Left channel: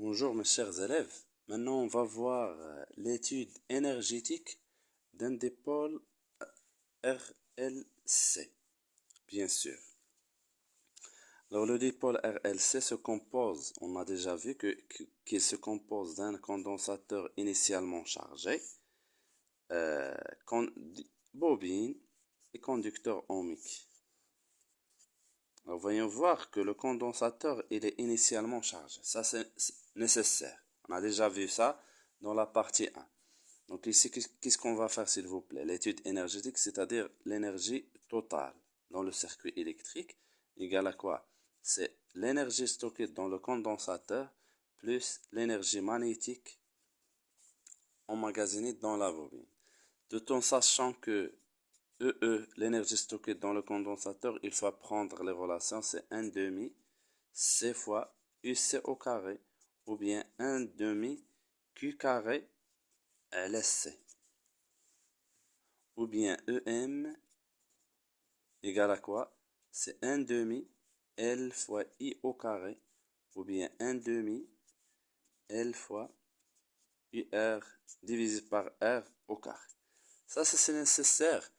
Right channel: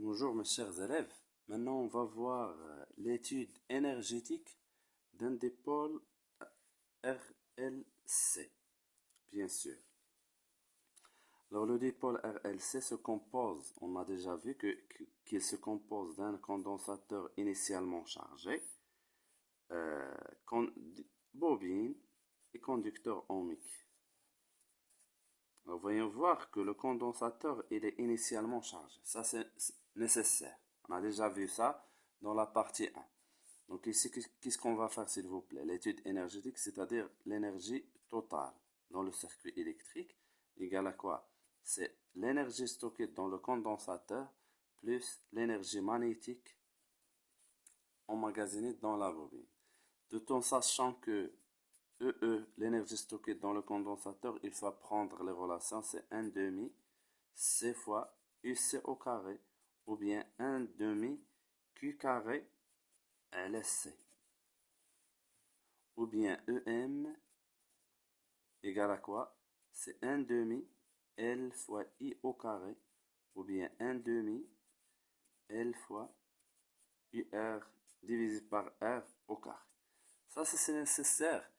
Bonjour mes chers élèves. Maintenant, on va voir l'étude énergétique d'un dipôle RLC, bien sûr. Alors, le dipôle RLC se compose, on a déjà vu qu'il se compose d'un condensateur initialement chargé, euh, con- bobine et conducteur ohmique. Alors, voyons voir que le condensateur, il est initialement chargé. Ça, c'est nécessaire. On a déjà vu ça dans la partie 1. Donc ici, qu'est-ce qu'on va faire, s'il vous plaît? L'étude énergétique, c'est-à-dire l'énergie totale dans le circuit électrique, égale à quoi? C'est l'énergie stockée dans le condensateur plus l'énergie magnétique emmagasinée dans la bobine. Tout en sachant que l'énergie stockée dans le condensateur, il faut prendre les relations, c'est 1 demi C fois UC au carré, ou bien 1 demi Q carré LSC, ou bien EM égale à quoi? C'est 1 demi L fois I au carré, ou bien 1 demi L fois UR divisé par R au carré. Ça, c'est nécessaire.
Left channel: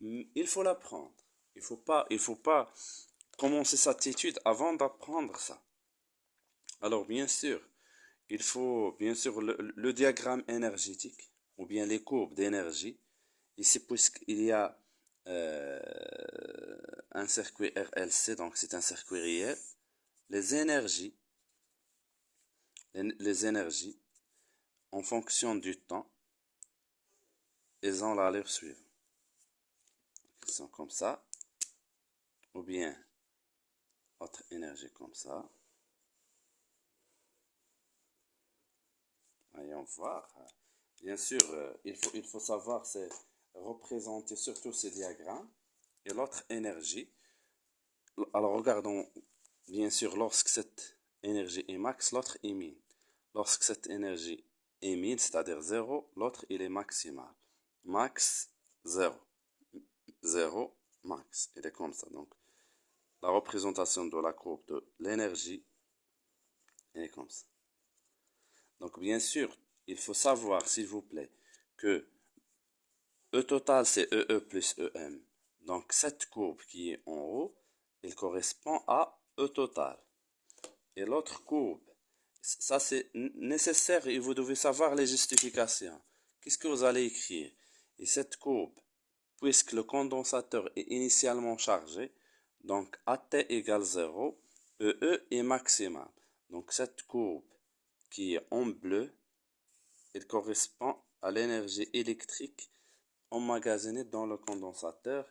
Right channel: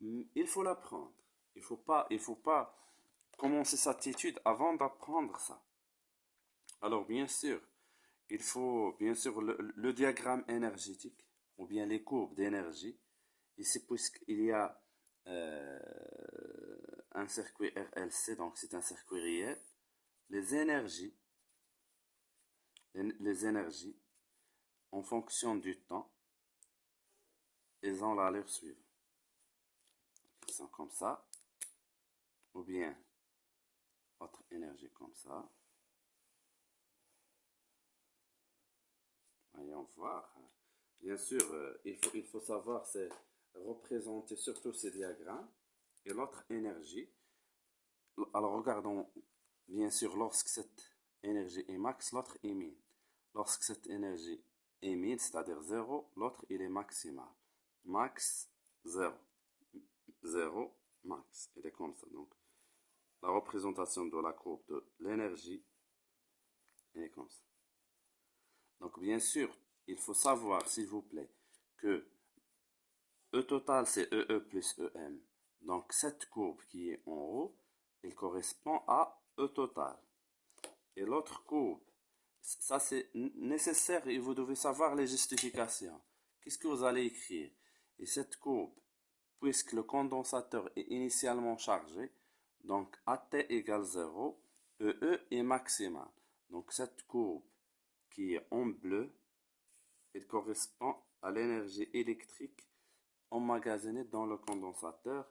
Il faut l'apprendre. Il faut pas commencer cette étude avant d'apprendre ça. Alors, bien sûr, il faut bien sûr le diagramme énergétique ou bien les courbes d'énergie. Ici, puisqu'il y a euh, un circuit RLC, donc c'est un circuit réel, les énergies, les énergies en fonction du temps, elles ont l'allure suivante. Ils sont comme ça, ou bien autre énergie comme ça. Voyons voir. Bien sûr, il faut savoir c'est représenter surtout ces diagrammes et l'autre énergie. Alors regardons, bien sûr, lorsque cette énergie est max, l'autre est min. Lorsque cette énergie est min, c'est-à-dire 0, l'autre il est maximal. Max 0. 0, max. Il est comme ça. Donc, la représentation de la courbe de l'énergie est comme ça. Donc, bien sûr, il faut savoir, s'il vous plaît, que E total, c'est EE plus EM. Donc, cette courbe qui est en haut, elle correspond à E total. Et l'autre courbe, ça c'est nécessaire et vous devez savoir les justifications. Qu'est-ce que vous allez écrire? Et cette courbe, puisque le condensateur est initialement chargé, donc AT égale 0, EE est maximal. Donc cette courbe qui est en bleu, elle correspond à l'énergie électrique emmagasinée dans le condensateur.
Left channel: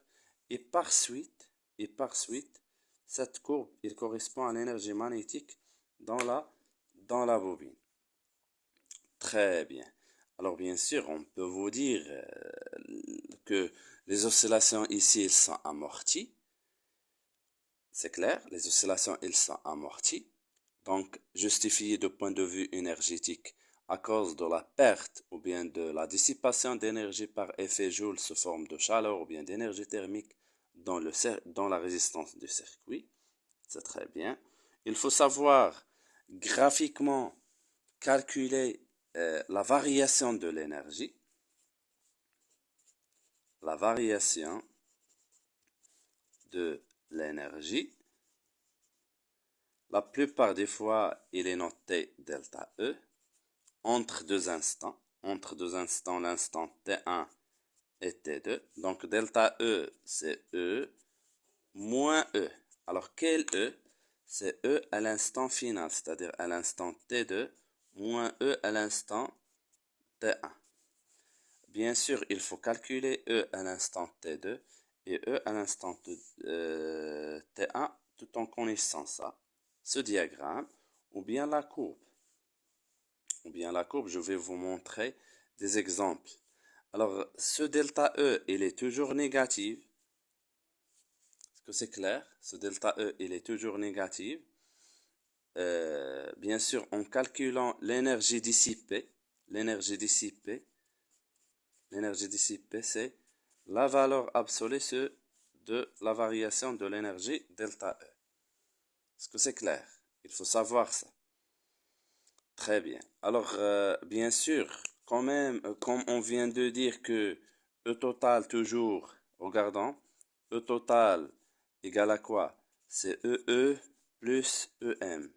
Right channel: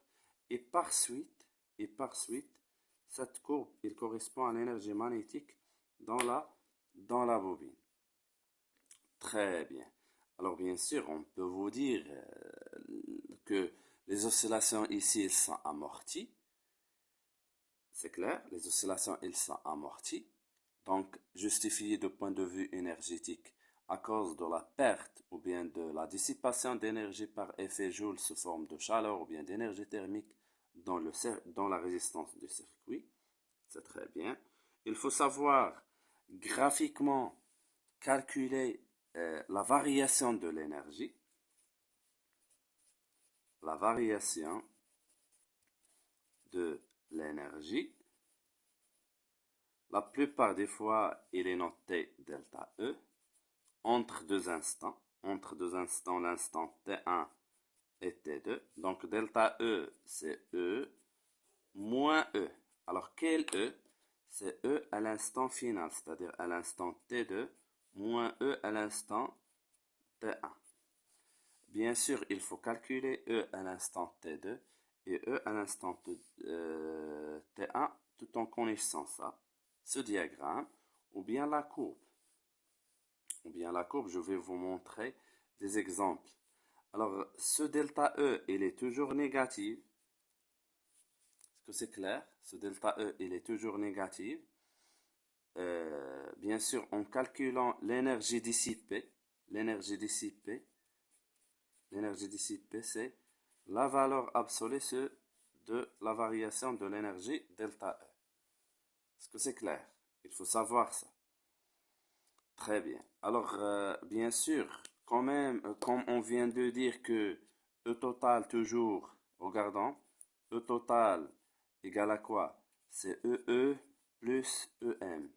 Et par suite, cette courbe, elle correspond à l'énergie magnétique dans la bobine. Très bien. Alors bien sûr, on peut vous dire que les oscillations ici, elles sont amorties. C'est clair, les oscillations, elles sont amorties. Donc, justifiées du point de vue énergétique à cause de la perte ou bien de la dissipation d'énergie par effet Joule sous forme de chaleur ou bien d'énergie thermique dans la résistance du circuit. C'est très bien. Il faut savoir graphiquement calculer la variation de l'énergie. La variation de l'énergie. La plupart des fois, il est noté delta E entre deux instants. Entre deux instants, l'instant T1 et T2. Donc delta E, c'est E moins E. Alors quel E? C'est E à l'instant final, c'est-à-dire à l'instant T2 moins E à l'instant T1. Bien sûr, il faut calculer E à l'instant T2 et E à l'instant T1 tout en connaissant ça, ce diagramme, ou bien la courbe. Je vais vous montrer des exemples. Alors, ce delta E, il est toujours négatif. Est-ce que c'est clair? Ce delta E, il est toujours négatif. Bien sûr, en calculant l'énergie dissipée, c'est la valeur absolue de la variation de l'énergie delta E. Est-ce que c'est clair? Il faut savoir ça. Très bien. Alors, bien sûr, quand même, comme on vient de dire que E total toujours, regardons, E total égale à quoi? C'est EE plus EM.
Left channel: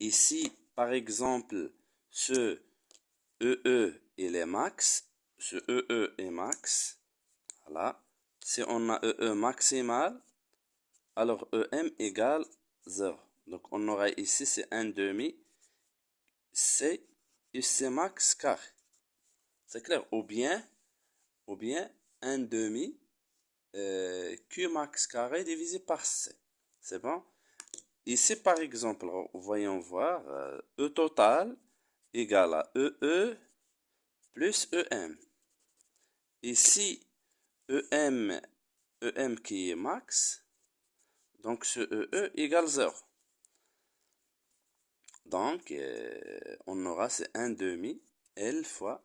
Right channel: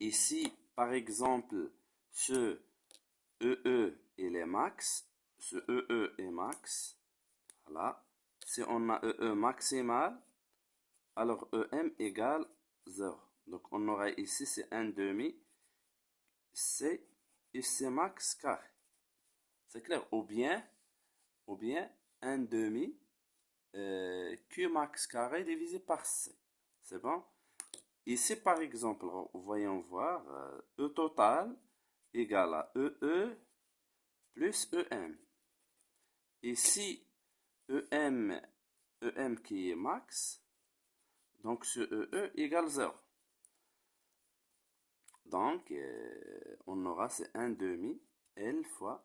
Ici, par exemple, ce EE, il est max, ce EE est max, voilà. Si on a EE maximal, alors EM égale 0. Donc on aura ici, c'est 1 demi, C UC max carré. C'est clair? Ou bien 1 demi Q max carré divisé par C. C'est bon? Ici, par exemple, voyons voir, E total égale à EE plus EM. Ici, EM, EM qui est max, donc ce EE égale 0. Donc, on aura c'est 1 demi L fois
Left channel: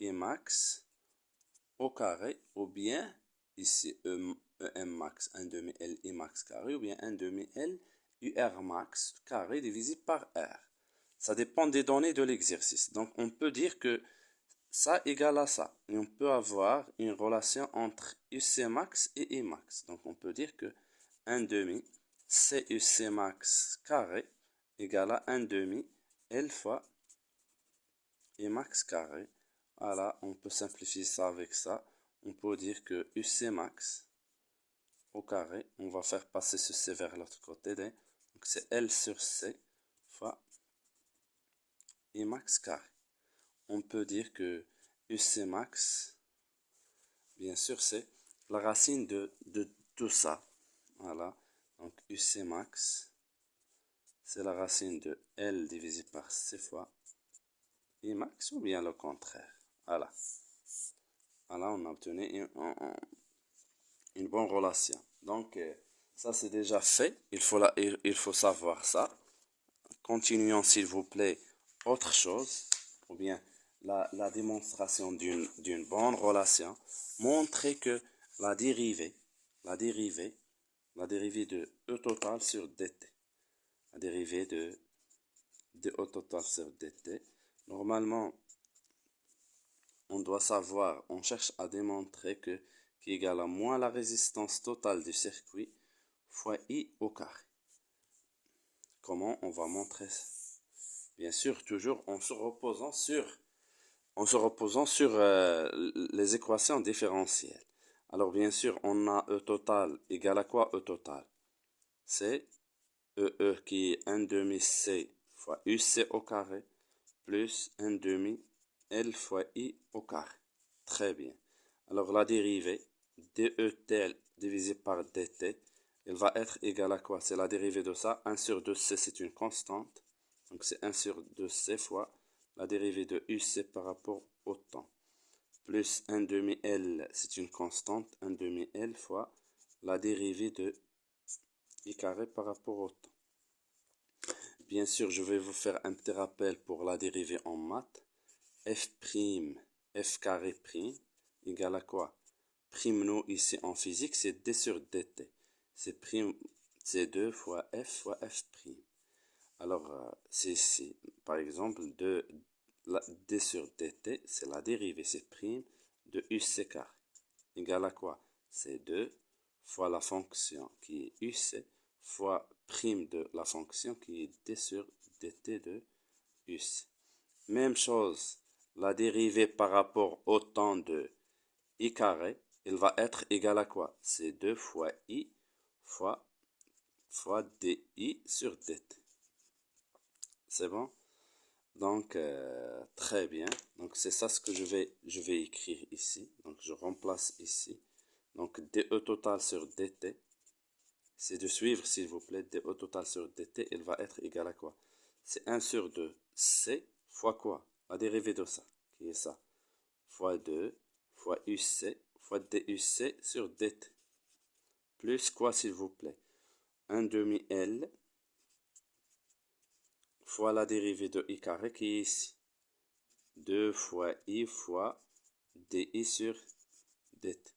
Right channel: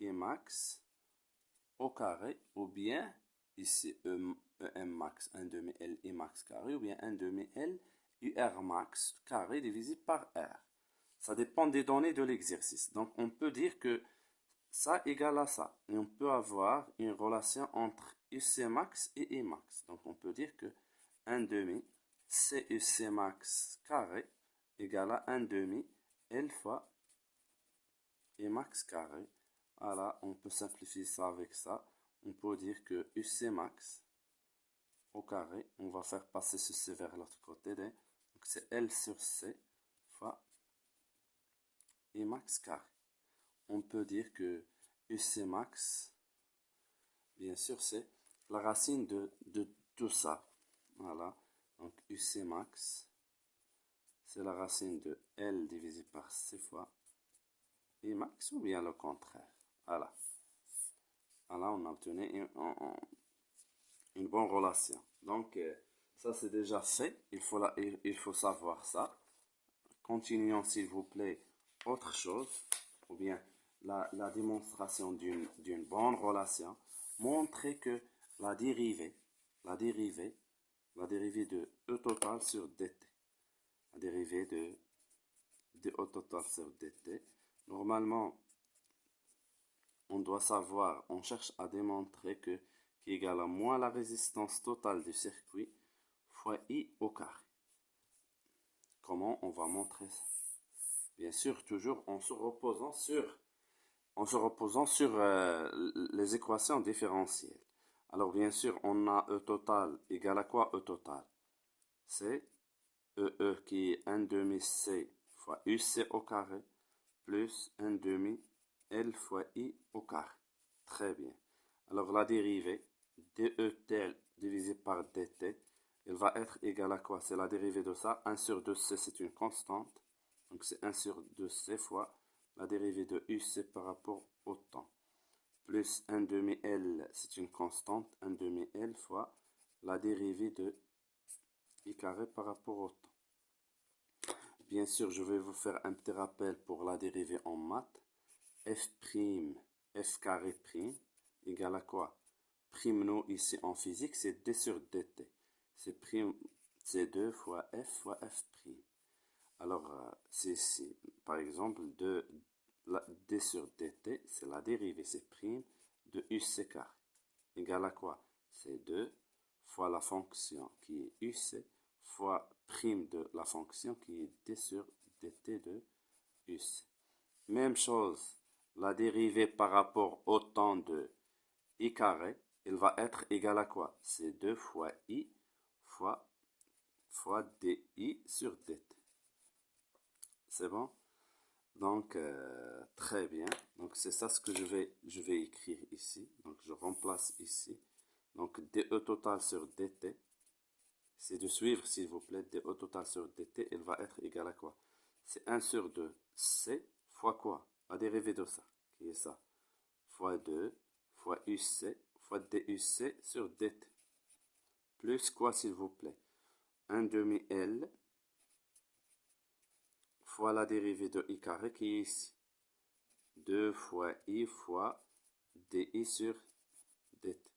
I max au carré, ou bien ici EM max 1 demi L I max carré, ou bien 1 demi L UR max carré divisé par R. Ça dépend des données de l'exercice. Donc, on peut dire que ça égale à ça. Et on peut avoir une relation entre UC max et I max. Donc, on peut dire que 1 demi CUC max carré égale à 1 demi L fois I max carré. Voilà, on peut simplifier ça avec ça. On peut dire que UC max au carré, on va faire passer ce C vers l'autre côté. Donc, c'est L sur C fois I max carré. On peut dire que UC max, bien sûr, c'est la racine de tout ça. Voilà. Donc, UC max, c'est la racine de L divisé par C fois I max, ou bien le contraire. Voilà. Voilà, on a obtenu une bonne relation. Donc, ça, c'est déjà fait. Il faut savoir ça. Continuons, s'il vous plaît, autre chose, ou bien la démonstration d'une bonne relation. Montrer que la dérivée, la dérivée de E total sur dt, la dérivée de E total sur dt, normalement, on doit savoir, on cherche à démontrer que qui égale à moins la résistance totale du circuit fois I au carré. Comment on va montrer ça? Bien sûr, toujours en se reposant sur les équations différentielles. Alors bien sûr, on a E total égale à quoi E total? C'est EE qui est 1 demi C fois UC au carré plus 1 demi L fois I au carré. Très bien. Alors la dérivée DET divisé par DT, elle va être égale à quoi? C'est la dérivée de ça. 1 sur 2C, c'est une constante. Donc c'est 1 sur 2C fois la dérivée de UC par rapport au temps. Plus 1 demi L, c'est une constante. 1 demi L fois la dérivée de I carré par rapport au temps. Bien sûr, je vais vous faire un petit rappel pour la dérivée en maths. F carré prime égale à quoi? Prime nous ici en physique, c'est D sur dt. C'est 2 fois F prime. Alors, c'est ici, par exemple, D sur dt, c'est la dérivée, c'est prime de UC carré. Égale à quoi? C'est 2 fois la fonction qui est UC fois prime de la fonction qui est D sur dt de UC. Même chose, la dérivée par rapport au temps de I carré, elle va être égale à quoi? C'est 2 fois I fois DI sur dt. C'est bon? Donc, très bien. Donc, c'est ça ce que je vais écrire ici. Donc, je remplace ici. Donc, DE total sur dt. C'est de suivre, s'il vous plaît. DE total sur dt, elle va être égale à quoi? C'est 1 sur 2 C fois quoi? La dérivée de ça, qui est ça. Fois 2 fois UC fois DUC sur dt. Plus quoi, s'il vous plaît? 1 demi L fois la dérivée de I carré qui est ici. 2 fois I fois DI sur dt.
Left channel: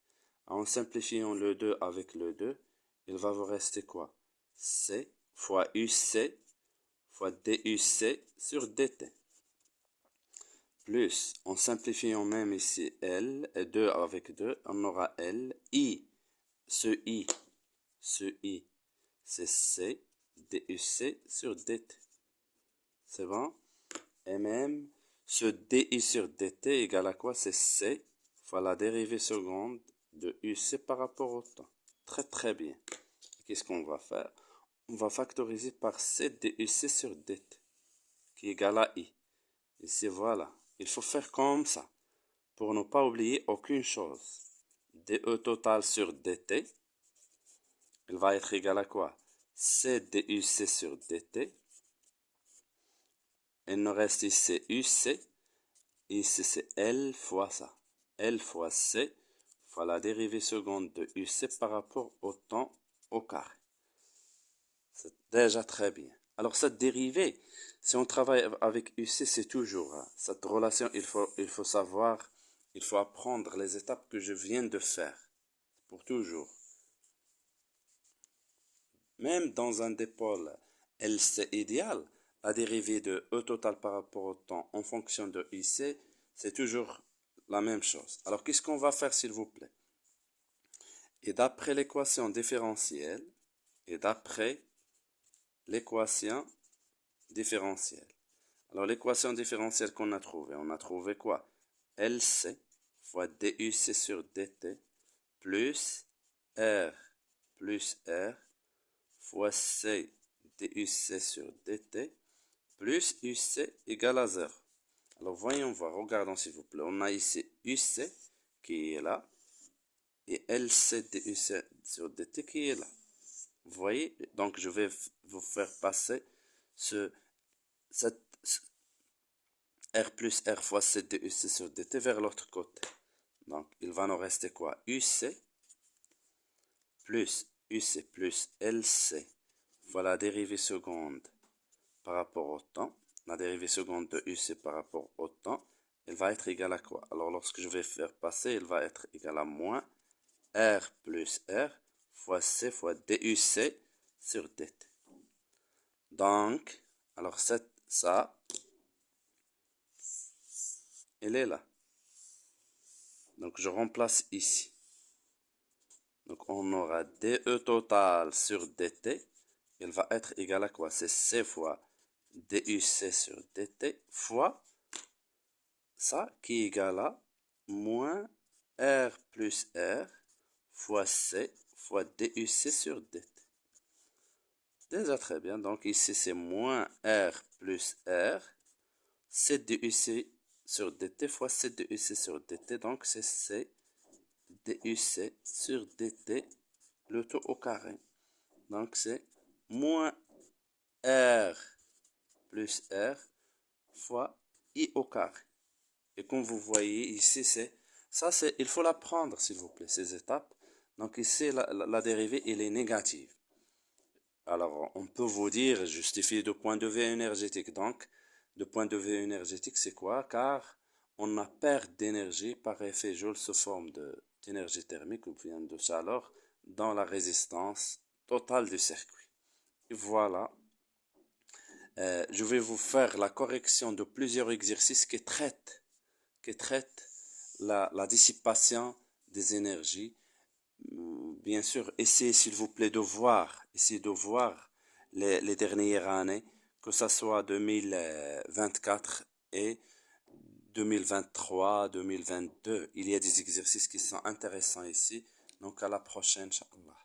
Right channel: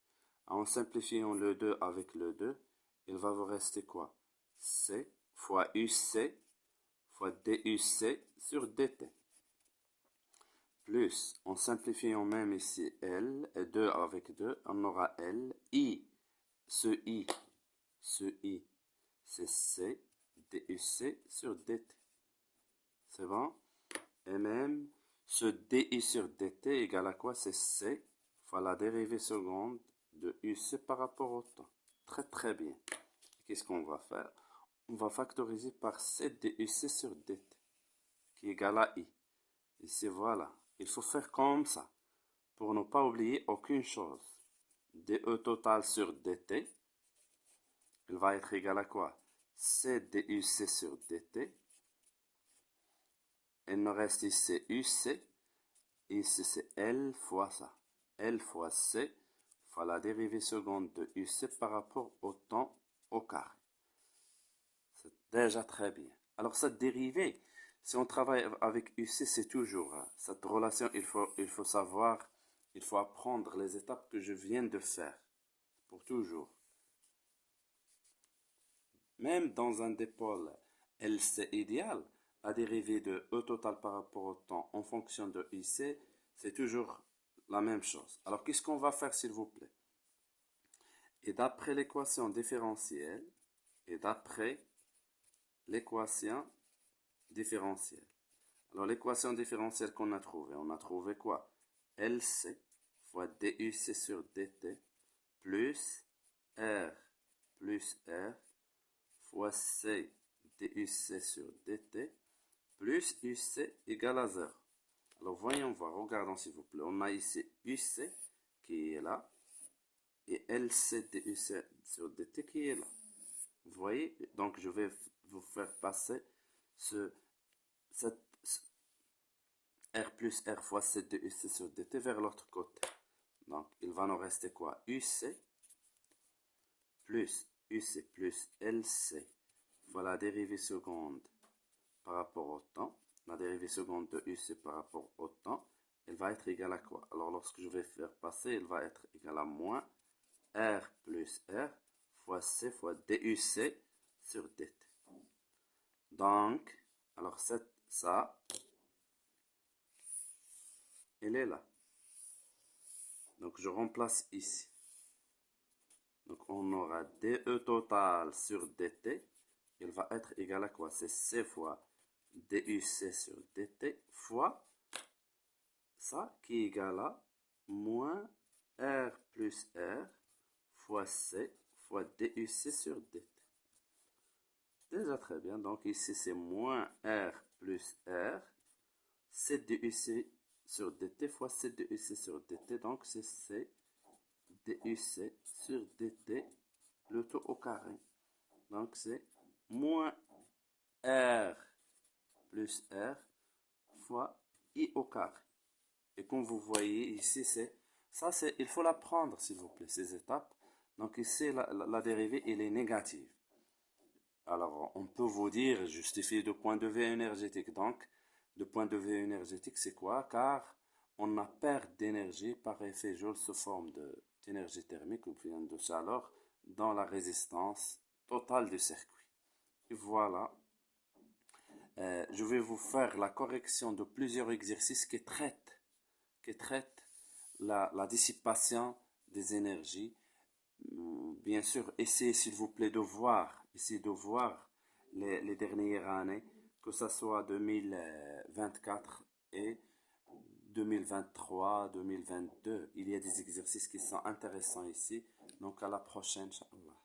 En simplifiant le 2 avec le 2, il va vous rester quoi? C fois UC fois DUC sur DT. Plus, en simplifiant même ici L, et 2 avec 2, on aura L, I, ce I, c'est C, DUC sur DT. C'est bon? Et même, ce DI sur DT égale à quoi? C'est C fois la dérivée seconde de UC par rapport au temps. Très très bien. Qu'est-ce qu'on va faire? On va factoriser par C DUC sur DT, qui est égal à I. Ici, voilà. Il faut faire comme ça, pour ne pas oublier aucune chose. DE total sur DT, il va être égal à quoi? C DUC sur DT. Il nous reste ici UC. Ici, c'est L fois ça. L fois C fois la dérivée seconde de UC par rapport au temps au carré. C'est déjà très bien. Alors, cette dérivée, si on travaille avec UC, c'est toujours cette relation, il faut savoir, il faut apprendre les étapes que je viens de faire. Pour toujours. Même dans un dipôle LC idéal, la dérivée de E total par rapport au temps en fonction de IC, c'est toujours la même chose. Alors, qu'est-ce qu'on va faire, s'il vous plaît? Et d'après l'équation différentielle, alors, l'équation différentielle qu'on a trouvée, on a trouvé quoi? LC fois DUC sur DT plus R fois C DUC sur DT plus UC égale à 0. Alors, voyons voir, regardons s'il vous plaît. On a ici UC qui est là et LC DUC sur DT qui est là. Vous voyez? Donc, je vais vous faire passer cette R plus R fois C DUC sur DT vers l'autre côté. Donc, il va nous rester quoi? UC plus LC fois la dérivée seconde par rapport au temps. La dérivée seconde de UC par rapport au temps, elle va être égale à quoi? Alors, lorsque je vais faire passer, elle va être égale à moins R plus R fois C fois DUC sur DT. Donc, alors ça, elle est là. Donc, je remplace ici. Donc, on aura DE total sur DT. Elle va être égale à quoi? C'est C fois DUC sur DT fois ça qui est égal à moins R plus R fois C fois DUC sur DT. Déjà très bien. Donc, ici, c'est moins R plus R. C DUC sur DT fois C DUC sur DT. Donc, c'est C DUC sur DT, le tout au carré. Donc, c'est moins R plus R fois I au carré. Et comme vous voyez ici, il faut l'apprendre, s'il vous plaît, ces étapes. Donc, ici, la dérivée, elle est négative. Alors, on peut vous dire, justifier de point de vue énergétique. Donc, de point de vue énergétique, c'est quoi? Car on a perte d'énergie par effet Joule sous forme d'énergie thermique ou bien de chaleur dans la résistance totale du circuit. Et voilà. Je vais vous faire la correction de plusieurs exercices qui traitent la dissipation des énergies. Bien sûr, essayez s'il vous plaît de voir les dernières années, que ce soit 2024 et 2023, 2022. Il y a des exercices qui sont intéressants ici. Donc à la prochaine, Inch'Allah.